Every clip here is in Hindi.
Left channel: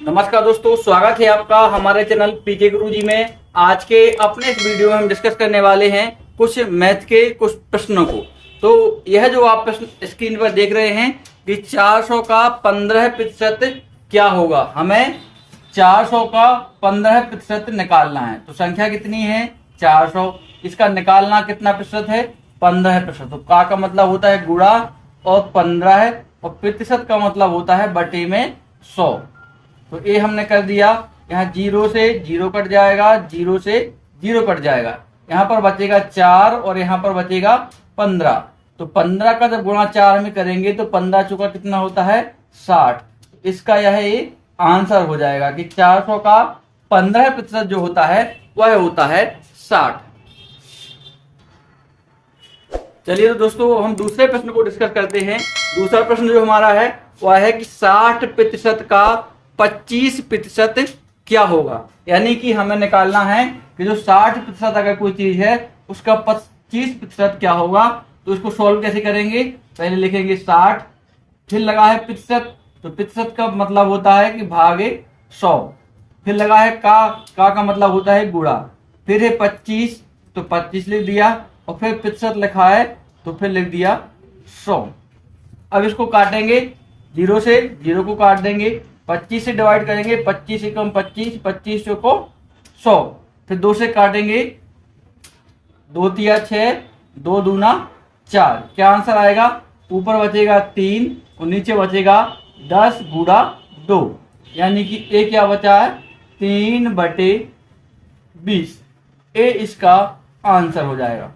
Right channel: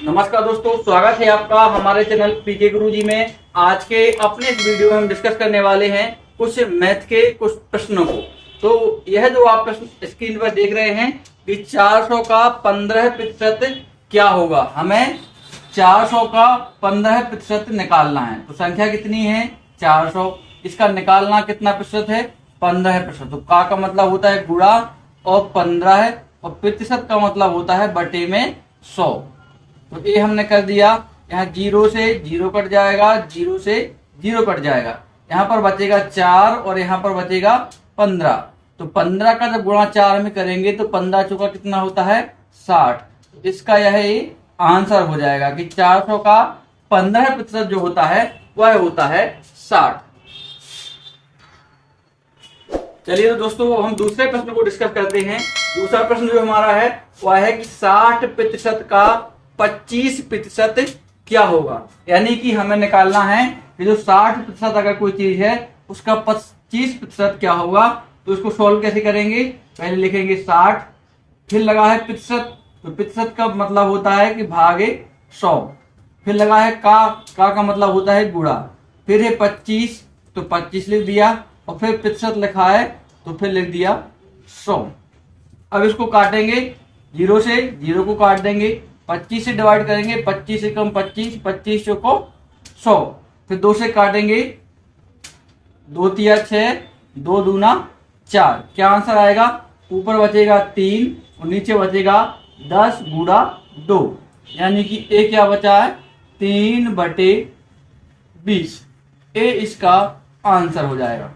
नमस्कार दोस्तों, स्वागत है आपका हमारे चैनल पीके गुरुजी में। आज के अपने इस वीडियो में हम डिस्कस करने वाले हैं कुछ मैथ के कुछ प्रश्नों को। तो यह जो आप प्रश्न स्क्रीन पर देख रहे हैं कि 400 का 15% क्या होगा। हमें 400 का 15% निकालना है। तो संख्या कितनी है? 400। इसका निकालना कितना प्रतिशत है? 15%। तो का मतलब होता है गुणा और 15 है, और प्रतिशत का मतलब होता है बटे में 100। तो ये हमने कर दिया। यहाँ 0 से 0 कट जाएगा, 0 से 0 कट जाएगा। यहाँ पर बचेगा 4 और यहाँ पर बचेगा 15। तो 15 का जब गुणा 4 में करेंगे तो 15 चौका कितना होता है? 60। इसका यह आंसर हो जाएगा कि 400 का 15% जो होता है वह होता है 60। चलिए तो दोस्तों, हम दूसरे प्रश्न को डिस्कस करते हैं। दूसरा प्रश्न जो हमारा है वह है कि 60% का 25% क्या होगा। यानी कि हमें निकालना है कि जो 60% अगर कोई चीज है उसका 25% क्या होगा। तो उसको सॉल्व कैसे करेंगे? पहले लिखेंगे 60, फिर लगा है प्रतिशत। तो प्रतिशत का मतलब होता है कि भागे 100। फिर लगा है का मतलब होता है गुणा। फिर है 25, तो 25 लिख दिया, और फिर प्रतिशत लिखा है तो फिर लिख दिया 100। अब इसको काटेंगे, 0 से 0 को काट देंगे, 25 से डिवाइड करेंगे, 25 से कम 25, 25 को 100। फिर 2 से काटेंगे, 2 तिया 6, 2 दूना 4। क्या आंसर आएगा? ऊपर बचेगा 3 और नीचे बचेगा 10 गुणा 2। यानी कि ए क्या बचा है? 3/20। ए इसका आंसर हो जाएगा।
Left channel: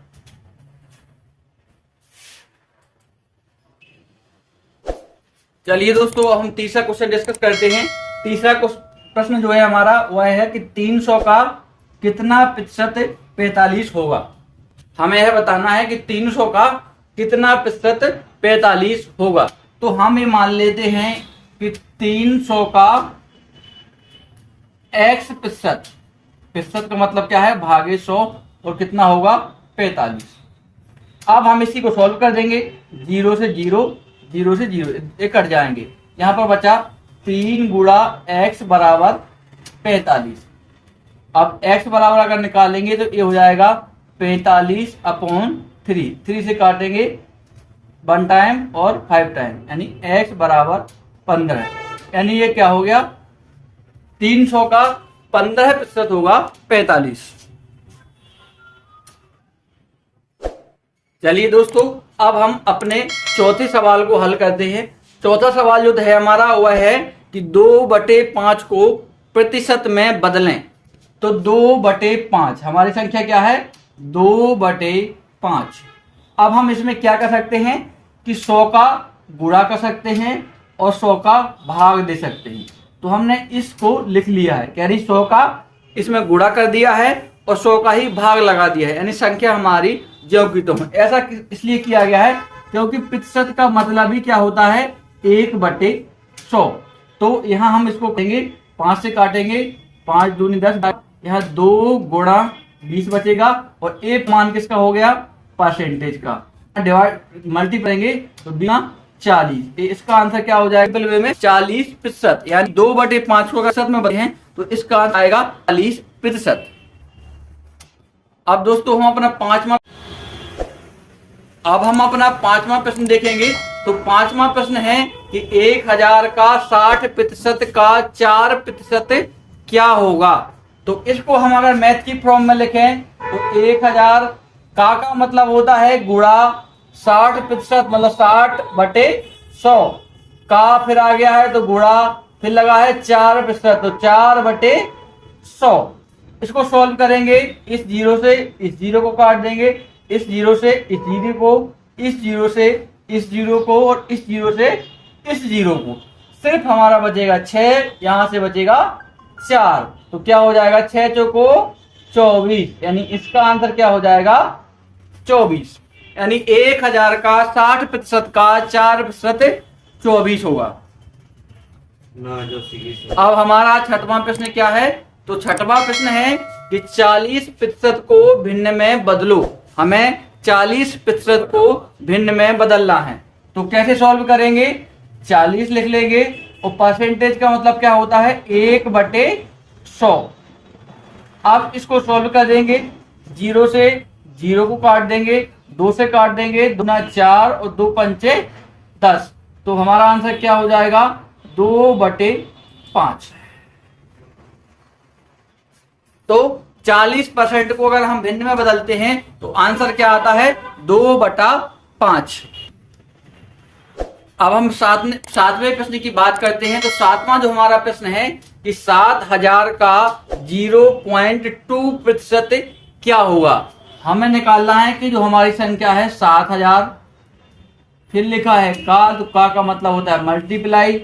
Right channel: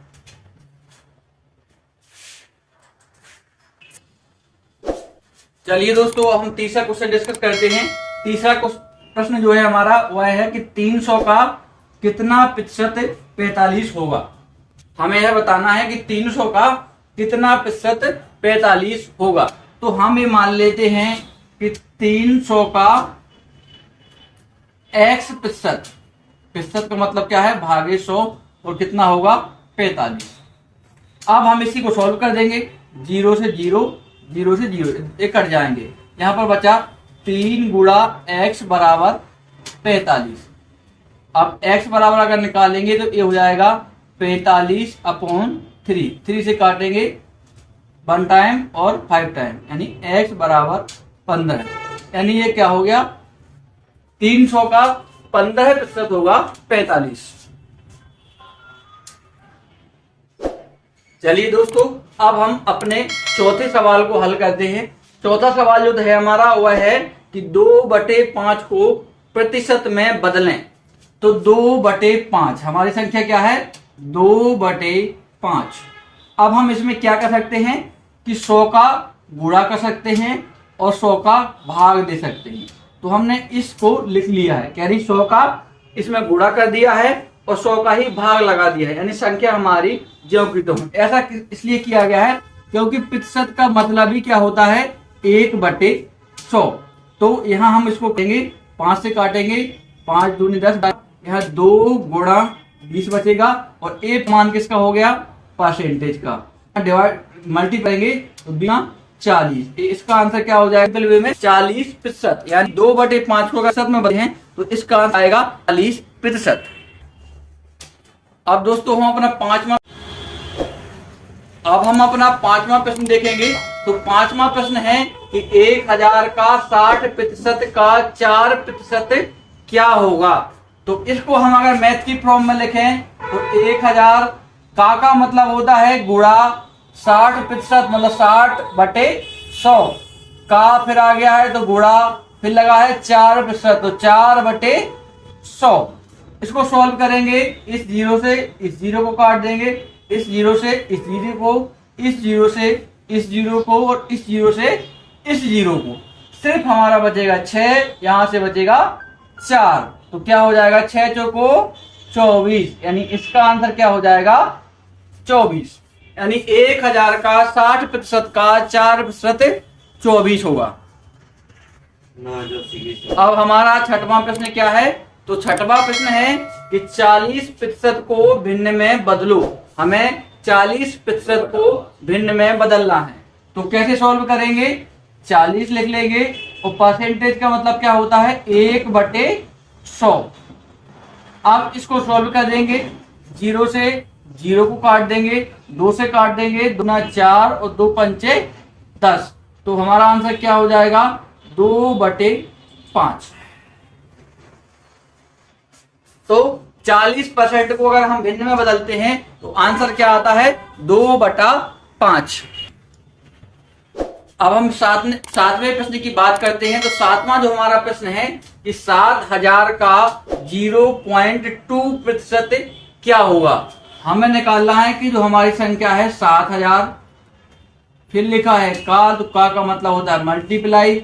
चलिए दोस्तों, अब हम तीसरा क्वेश्चन डिस्कस करते हैं। तीसरा प्रश्न जो है हमारा वह है कि 300 का कितना प्रतिशत 45 होगा। हमें यह बताना है कि 300 का कितना प्रतिशत 45 होगा। तो हम ये मान लेते हैं कि 300 का x प्रतिशत का मतलब क्या है? भागे 100, और कितना होगा? 45। अब हम इसी को सॉल्व कर देंगे। 0 से 0, 0 से 0 एक कट जाएंगे। यहां पर बचा 3 गुणा x बराबर 45। अब x बराबर अगर निकालेंगे तो ये हो जाएगा 45/3। 3 से काटेंगे 1 टाइम और 5 टाइम, यानी x बराबर 15। यानी ये क्या हो गया? 300 का 15% होगा 45। चलिए दोस्तों, अब हम अपने चौथे सवाल को हल करते हैं। चौथा सवाल जो है हमारा वह है कि 2/5 को प्रतिशत में बदलें। तो 2/5 हमारी संख्या क्या है? 2/5। अब हम इसमें क्या कर सकते हैं कि 100 का गुणा कर सकते हैं और 100 का भाग दे सकते हैं। तो हमने इसको लिख लिया है, कह रही 100 का इसमें गुणा कर दिया है और 100 का ही भाग लगा दिया है, यानी संख्या हमारी ज्यों की त्यों। ऐसा इसलिए किया गया है क्योंकि प्रतिशत का मतलब ही क्या होता है? 1/100। तो यहाँ हम इसको कहेंगे 5 से काटेंगे, 5 दूनी 10, यहाँ 2 गुणा 20 बचेगा, और एक मान किसका हो गया? परसेंटेज का। डिवाइड मल्टी करेंगे तो 40। इसका आंसर क्या हो जाएगा? वे में 40%, यानी 2/5 को अगर में बने हैं तो इसका आंसर आएगा 40%। अब दोस्तों हम अपना पांचवा प्रश्न देखेंगे। तो पांचवा प्रश्न है कि 1000 का 60% का 4% क्या होगा। तो इसको हम अगर मैथ की फॉर्म में लिखें तो 1000 का मतलब होता है गुणा 60%, मतलब 60/100। का फिर आ गया है तो गुणा, फिर लगा है 4%, तो 4/100। इसको सॉल्व करेंगे, इस 0 से इस 0 को काट देंगे, इस 0 से इस 0 को, इस 0 से इस 0 को, और इस 0 से इस 0 को। सिर्फ हमारा बचेगा 6, यहां से बचेगा 4। तो क्या हो जाएगा? 6 चौको 24, यानी इसका आंसर क्या हो जाएगा? 24। यानी 1000 का 60% का 4% 24 होगा। अब हमारा छठवां प्रश्न क्या है? तो छठवां प्रश्न है कि 40% को भिन्न में बदलो। हमें 40% को भिन्न में बदलना है। तो कैसे सॉल्व करेंगे? 40 लिख लेंगे और परसेंटेज का मतलब क्या होता है 1/100। अब इसको सॉल्व कर देंगे, 0 से 0 को काट देंगे, 2 से काट देंगे, 2 दूना 4 और 2 पंचे 10। तो हमारा आंसर क्या हो जाएगा 2/5। तो 40% को अगर हम भिन्न में बदलते हैं तो आंसर क्या आता है 2/5। अब हम सातवें प्रश्न की बात करते हैं। तो सातवां जो हमारा प्रश्न है कि 7000 का 0.2% क्या होगा। हमें निकालना है कि जो हमारी संख्या है 7000, फिर लिखा है तो का मतलब होता है मल्टीप्लाई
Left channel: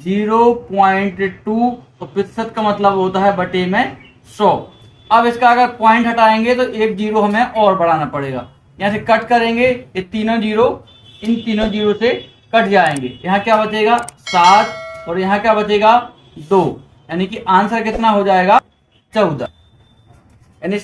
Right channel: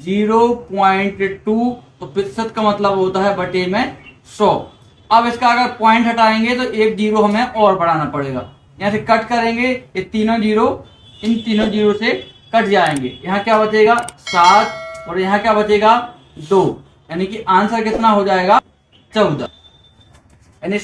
0.2, तो प्रतिशत का मतलब होता है बटे में 100। अब इसका अगर पॉइंट हटाएंगे तो एक जीरो हमें और बढ़ाना पड़ेगा। यहाँ से कट करेंगे, ये तीनों जीरो इन तीनों जीरो से कट जाएंगे। यहाँ क्या बचेगा 7 और यहाँ क्या बचेगा 2, यानी कि आंसर कितना हो जाएगा 14। यानी